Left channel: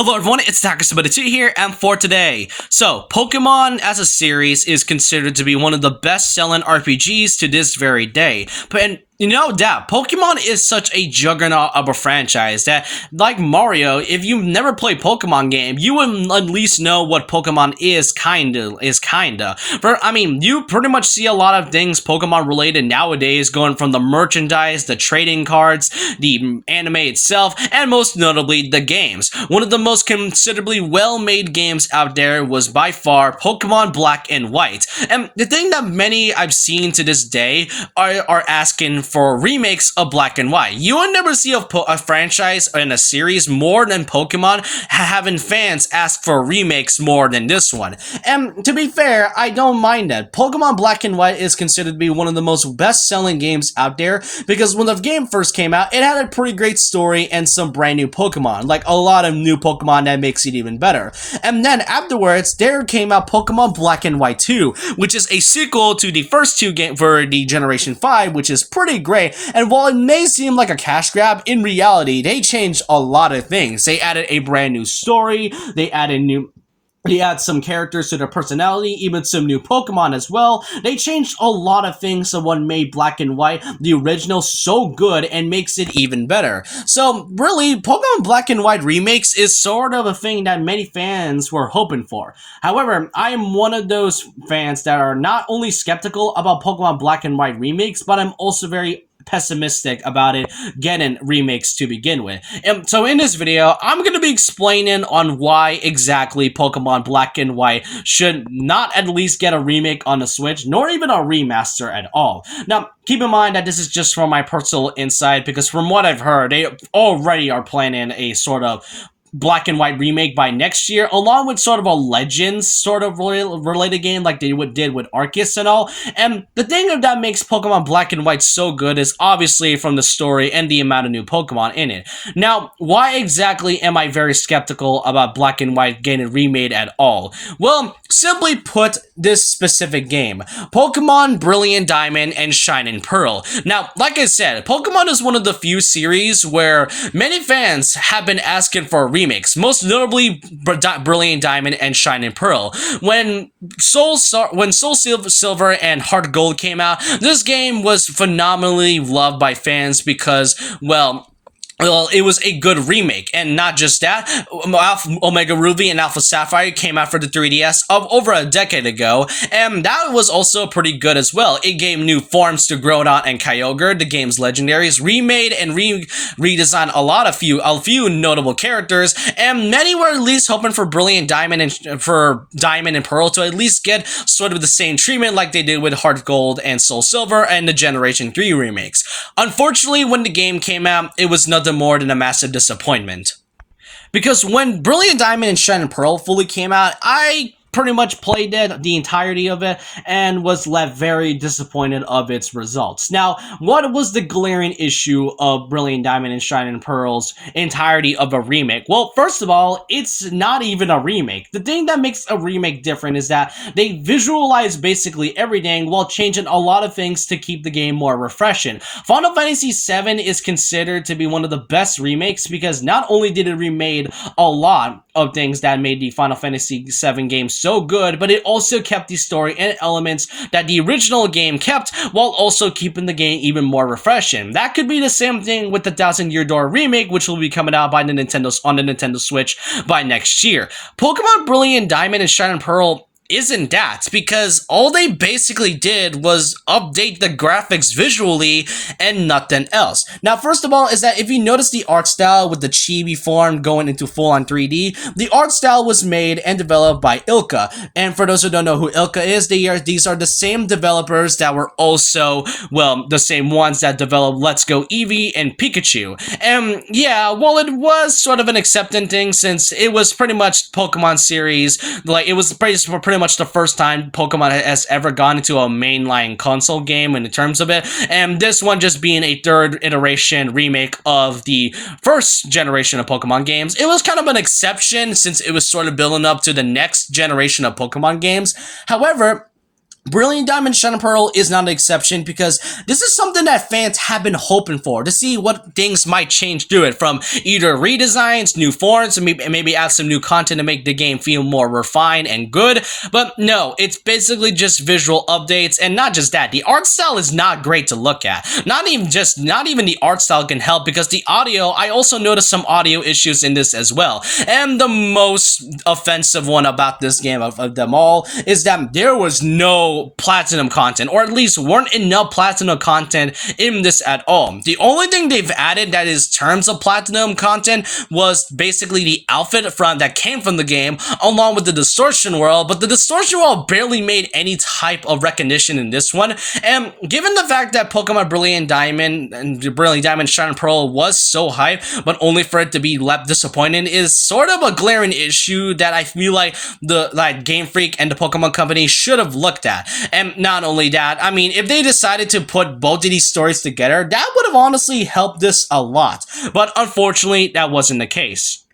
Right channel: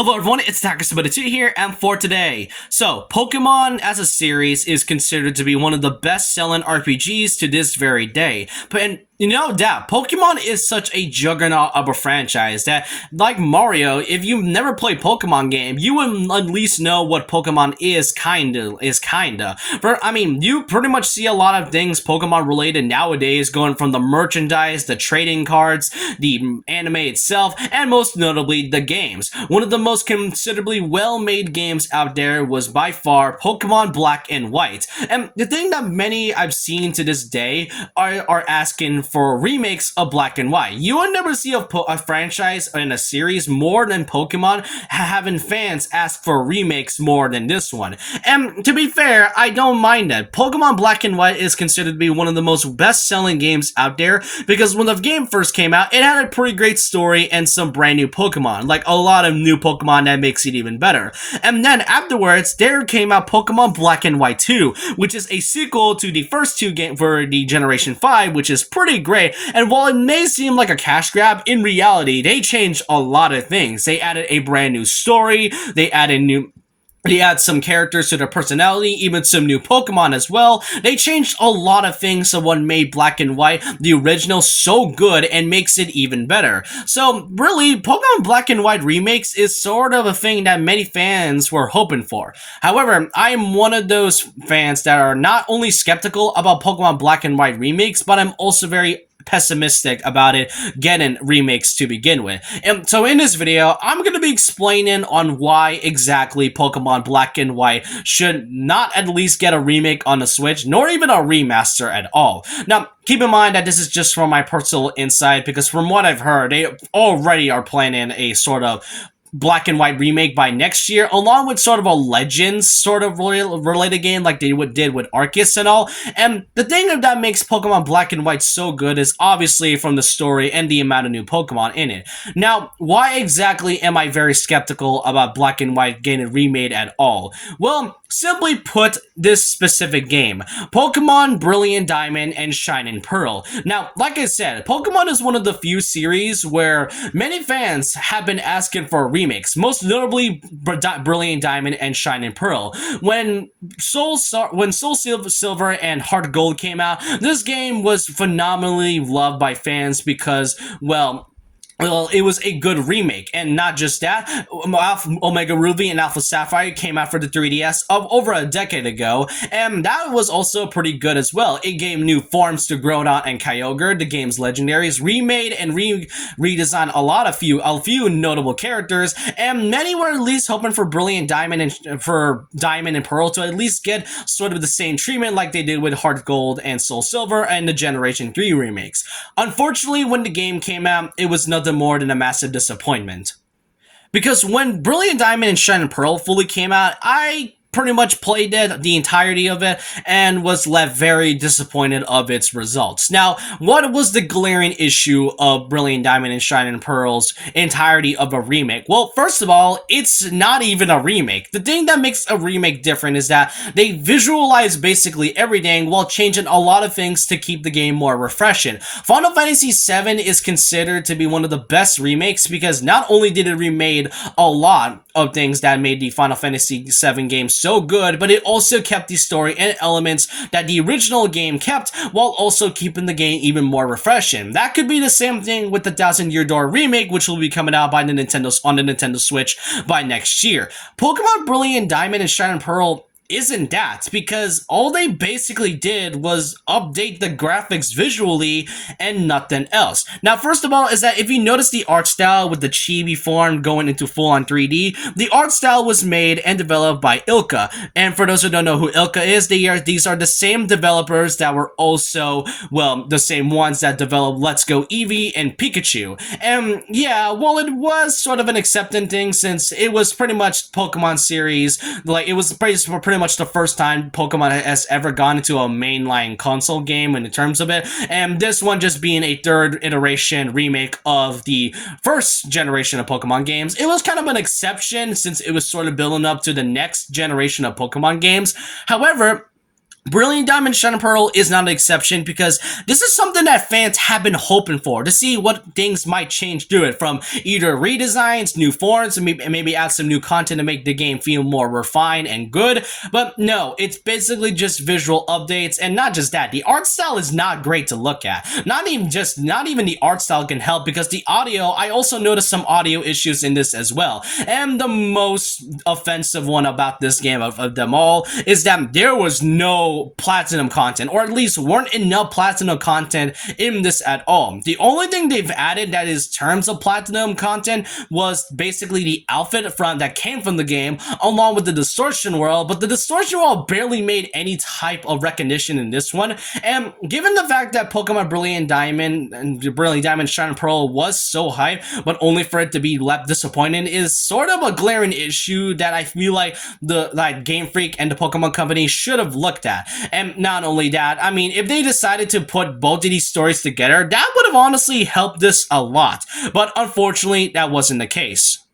Hello everyone, it's Takasubita2 here, and for today. So, Pokemon as a series is considered to be one of the best-selling RPGs to this very day. But no doubt, Pokemon is such a juggernaut of a franchise that, like Mario, if you've never played Pokemon game, you would at least know what Pokemon is kinda. You pretty much see a lot of things Pokemon related nowadays, going from the merchandise, the trading cards, the anime itself, and most notably, the games. One of the most considerably well-made games out there was by far Pokemon Black and White. And the thing that many I've seen to this day are asking for remakes of Black and White. You will never see a franchise and a series more than Pokemon having fans ask for remakes more than this one. And to be fair, I don't mind that. Pokemon Black and White is considered to be one of the most best-selling games out there because when the game first came out, it had a pretty great story and some brand new Pokemon, like a lot of new Pokemon that makes it even better. And then afterwards, there came out Pokemon Black and White 2, which is a sequel to the first two games for the Generation 5, which is pretty great. And while it may seem like a cash grab, in reality, they changed a lot of things. They added a brand new story, they add some characters to their personality, even some new Pokemon as well. They changed a lot of things to what made Black and White, the original, so good and makes it even better. So really, Pokemon Black and White remakes is sort of a thing that many fans were hoping for. However, I am one of those fans that are not only skeptical about Pokemon Black and White remakes, but I'm also very pessimistic about it getting remakes to begin with. And so in this video, I'm going to be explaining on why exactly Pokemon Black and White should not at least get a remake on the Switch, nor even a remaster at all. Now, keep in mind that this is just from my personal insight, because from what I've heard, they already are planning a sort of Black and White remake by next year, along with sort of a Legends sort of related game like they did with Arceus and all. And the thing that makes Pokemon Black and White so good is obviously from the story and the amount of new Pokemon in it. Now, why exactly am I very skeptical about Black and White getting remade at all? Well, simply put, this specific game, Pokemon Brilliant Diamond and Shining Pearl. Now, like I said, Pokemon is one of the few series where many fans have been asking for remakes, most notably Brilliant Diamond and Shining Pearl. When Soul Silver and Heart Gold came out, this game was phenomenally loved by fans because, well, it was a good remake, and not just that, Omega Ruby and Alpha Sapphire came out for the 3DS of over a decade ago, and that was also pretty good as well. It gave new forms to Groudon and Kyogre, the game's legendaries, remade and redesigned a few notable characters, and many were at least hoping for Brilliant Diamond and Pearl to at least get sort of the same treatment like they did with Heart Gold and Soul Silver and the Generation 3 remakes. Unfortunately, when the game came out, it was nothing more than a massive disappointment. Because when Brilliant Diamond and Shining Pearl fully came out, I pretty much played it, the entirety of it, and was left very disappointed of its results. Now, what was the glaring issue of Brilliant Diamond and Shining Pearl's entirety of a remake? Well, first of all, it's not even a remake. The thing that makes a remake different is that they visualize basically everything while changing a lot of things to keep the game more refreshing. Final Fantasy VII is considered to be one of the best remakes because not only did it remade a lot of things that made the Final Fantasy VII game so good, but it also kept the story and elements that the original game kept while also keeping the game even more refreshing. That could be the same thing with the Thousand Year Door remake, which will be coming out on the Nintendo Switch by next year. Pokemon Brilliant Diamond and Shining Pearl isn't that, because all they basically did was update the graphics visually and nothing else. Now, first of all, is that if you notice the art style with the chibi form going into full-on 3D, the art style was made and developed by Ilka. And for those who don't know who Ilka is, these are the same developers that were also, well, the same ones that developed Let's Go Eevee and Pikachu. And yeah, well, it was sort of an accepting thing since it was pretty much Pokemon series, like it was pretty much the first time Pokemon has ever gone into a mainline console game in terms of it, and this one just being a third iteration remake of the first generation of Pokemon games. It was kind of an exception since it was sort of building up to the next generation of Pokemon games. However, Brilliant Diamond Shining Pearl is not an exception because this is something that fans have been hoping for, to see what things might change through it, from either redesigns, new forms, and maybe add some new content to make the game feel more refined and good. But no, it's basically just visual updates, and not just that, the art style is not great to look at. Not even the art style can help, because the audio, I also noticed some audio issues in this as well. And the most offensive one about this game of them all is that there was no platinum content, or at least weren't enough platinum content in this at all. The only thing they've added that is terms of platinum content was basically the outfit that came from the game, along with the distortion world, but the distortion world barely made any type of recognition in this one. And given the fact that Pokemon Brilliant Diamond and Brilliant Diamond Shining Pearl was so hyped, but only for it to be left disappointing, is sort of a glaring issue that I feel like Game Freak and the Pokemon Company should have looked at. And not only that, I mean, if they decided to put both of these stories together, that would have honestly helped this a lot. But unfortunately, that wasn't the case.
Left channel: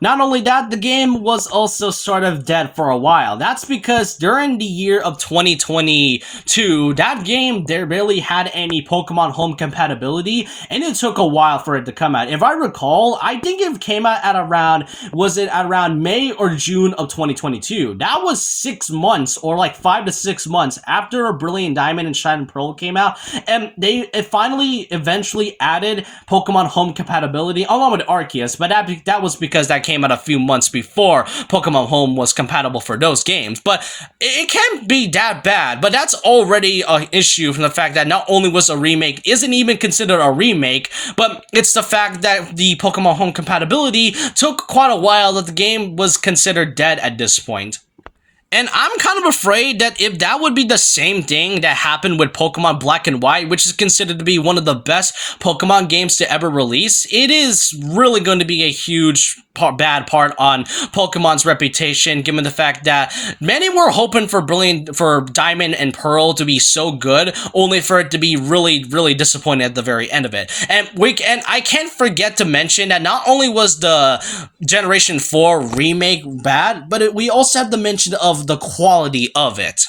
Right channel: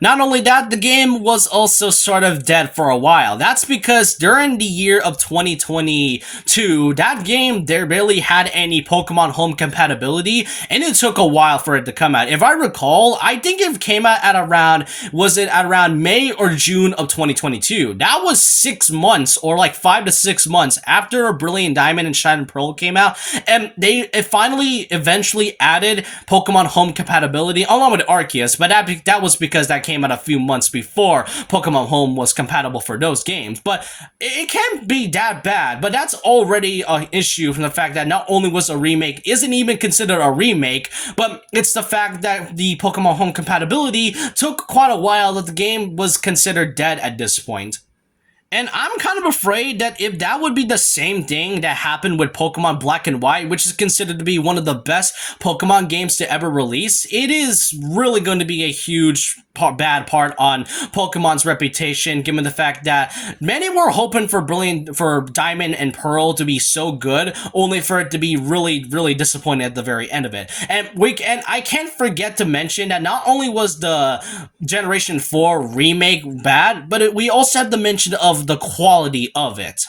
Not only that, the game was also sort of dead for a while. That's because during the year of 2022, that game, there barely had any Pokemon Home compatibility, and it took a while for it to come out. If I recall, I think it came out at around, was it at around May or June of 2022? That was 6 months, or like 5 to 6 months after Brilliant Diamond and Shining Pearl came out, and it finally eventually added Pokemon Home compatibility along with Arceus, but that was because that came out a few months before Pokemon Home was compatible for those games. But it can't be that bad, but that's already an issue from the fact that not only was a remake, isn't even considered a remake, but it's the fact that the Pokemon Home compatibility took quite a while, that the game was considered dead at this point. And I'm kind of afraid that if that would be the same thing that happened with Pokemon Black and White, which is considered to be one of the best Pokemon games to ever release, it is really going to be a huge bad part on Pokemon's reputation, given the fact that many were hoping for Diamond and Pearl to be so good, only for it to be really, really disappointing at the very end of it. And I can't forget to mention that not only was the Generation 4 remake bad, but we also have the mention of the quality of it.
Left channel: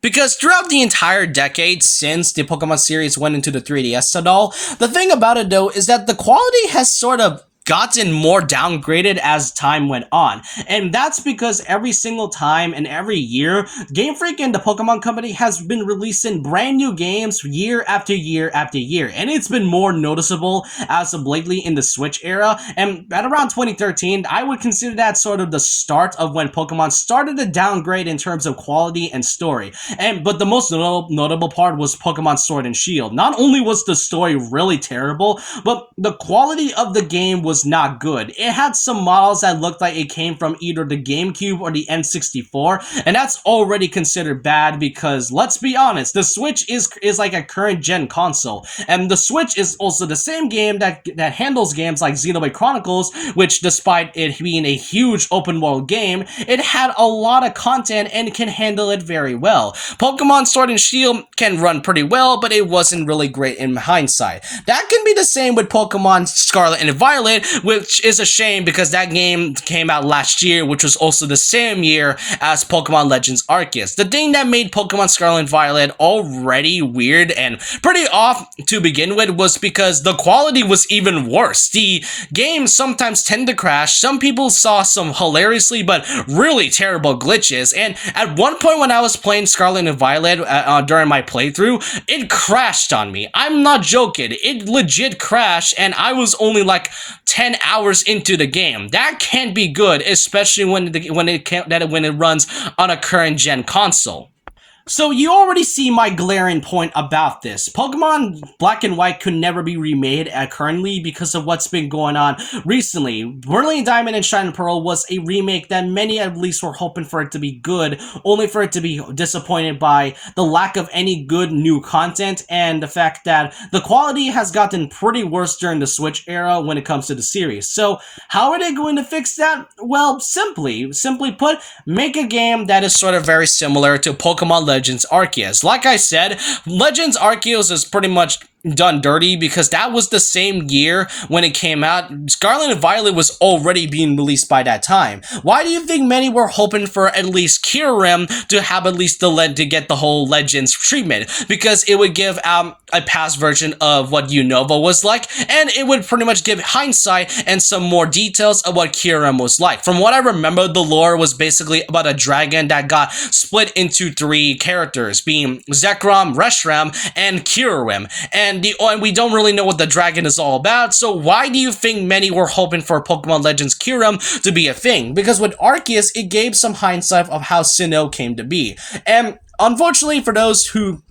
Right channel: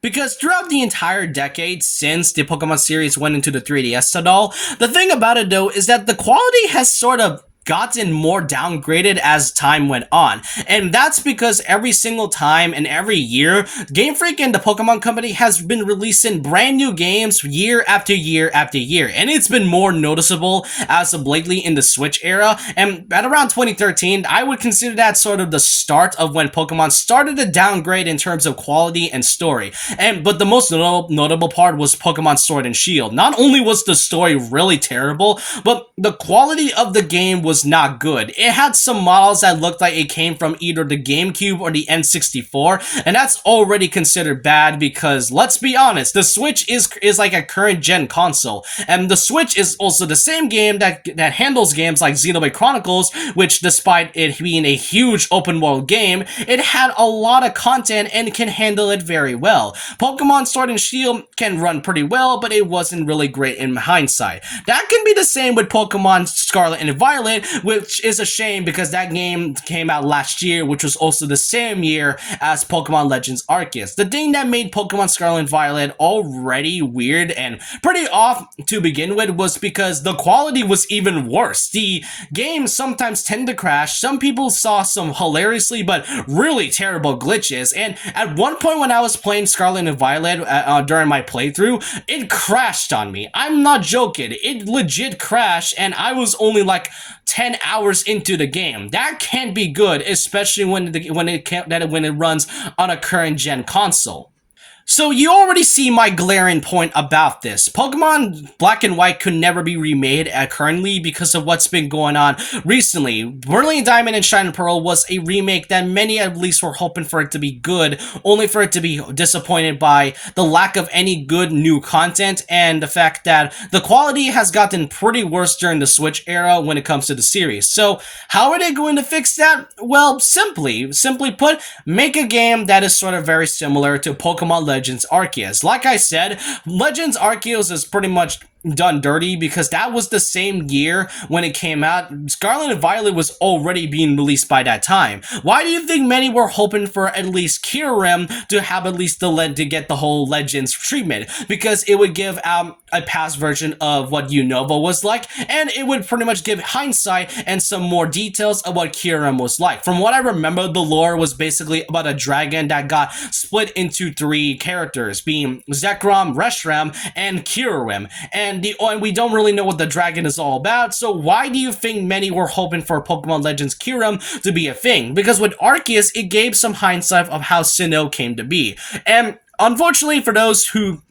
Because throughout the entire decade since the Pokemon series went into the 3DS and all, the thing about it though is that the quality has sort of gotten more downgraded as time went on. And that's because every single time and every year, Game Freak and the Pokemon Company has been releasing brand new games year after year after year. And it's been more noticeable as of lately in the Switch era. And at around 2013, I would consider that sort of the start of when Pokemon started to downgrade in terms of quality and story. But the most notable part was Pokemon Sword and Shield. Not only was the story really terrible, but the quality of the game was not good. It had some models that looked like it came from either the GameCube or the N64, and that's already considered bad because, let's be honest, the Switch is like a current gen console, and the Switch is also the same game that handles games like Xenoblade Chronicles, which despite it being a huge open world game, it had a lot of content and can handle it very well. Pokemon Sword and Shield can run pretty well, but it wasn't really great in hindsight. That can be the same with Pokemon Scarlet and Violet, which is a shame because that game came out last year, which was also the same year as Pokemon Legends Arceus. The thing that made Pokemon Scarlet and Violet already weird and pretty off to begin with was because the quality was even worse. The game sometimes tend to crash. Some people saw some hilariously but really terrible glitches, and at one point when I was playing Scarlet and Violet during my playthrough, it crashed on me. I'm not joking. It legit crashed, and I was only like 10 hours into the game. That can't be good, especially when it runs on a current gen console. So you already see my glaring point about this. Pokemon Black and White could never be remade currently because of what's been going on recently. Brilliant Diamond and Shining Pearl was a remake that many at least were hoping for it to be good, only for it to be disappointed by the lack of any good new content and the fact that the quality has gotten pretty worse during the Switch era when it comes to the series. So how are they going to fix that? Well, simply put, make a game that is sort of very similar to Pokemon Legends Arceus. Like I said, Legends Arceus is pretty much done dirty because that was the same year when it came out. Scarlet and Violet was already being released by that time. Why do you think many were hoping for at least Kyurem to have at least to get the whole Legends treatment? Because it would give a past version of what Unova was like, and it would pretty much give hindsight and some more details of what Kyurem was like. From what I remember, the lore was basically about a dragon that got split into 3 characters, being Zekrom, Reshiram, and Kyurem. And we don't really know what the dragon is all about, so why do you think many were hoping for Pokemon Legends Kyurem to be a thing? Because with Arceus, it gave some hindsight of how Sinnoh came to be. And unfortunately, for those who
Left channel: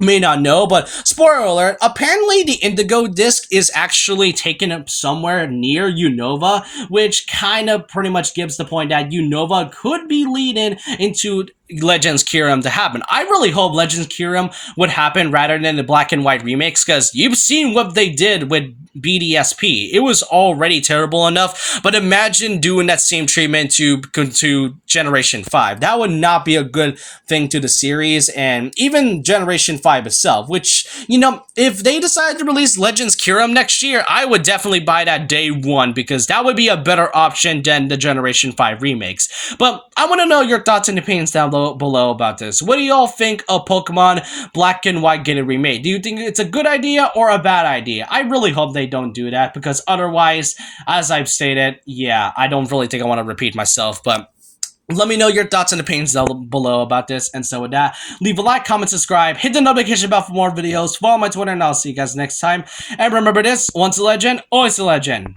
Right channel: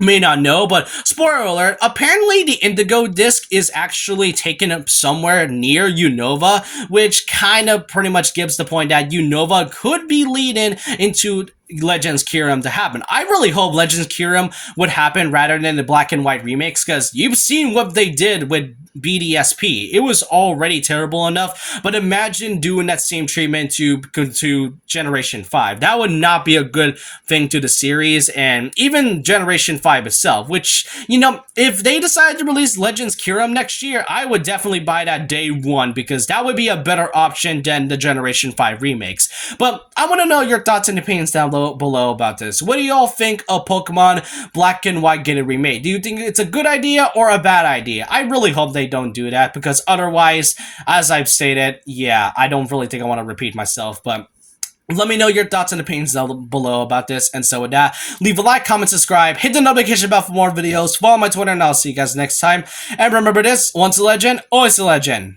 may not know, but spoiler alert, apparently the Indigo Disc is actually taken up somewhere near Unova, which kind of pretty much gives the point that Unova could be leading into Legends Kyurem to happen. I really hope Legends Kyurem would happen rather than the black and white remakes, because you've seen what they did with BDSP. It was already terrible enough, but imagine doing that same treatment to Generation 5. That would not be a good thing to the series, and even Generation 5 itself, which, you know, if they decide to release Legends Kyurem next year, I would definitely buy that day one, because that would be a better option than the Generation 5 remakes. But I want to know your thoughts and opinions down below about this. What do y'all think of Pokemon Black and White getting remade? Do you think it's a good idea or a bad idea? I really hope they don't do that, because otherwise, as I've stated, yeah, I don't really think I want to repeat myself, but let me know your thoughts and opinions down below about this. And so with that, leave a like, comment, subscribe, hit the notification bell for more videos, follow my Twitter, and I'll see you guys next time. And remember this, once a legend, always a legend.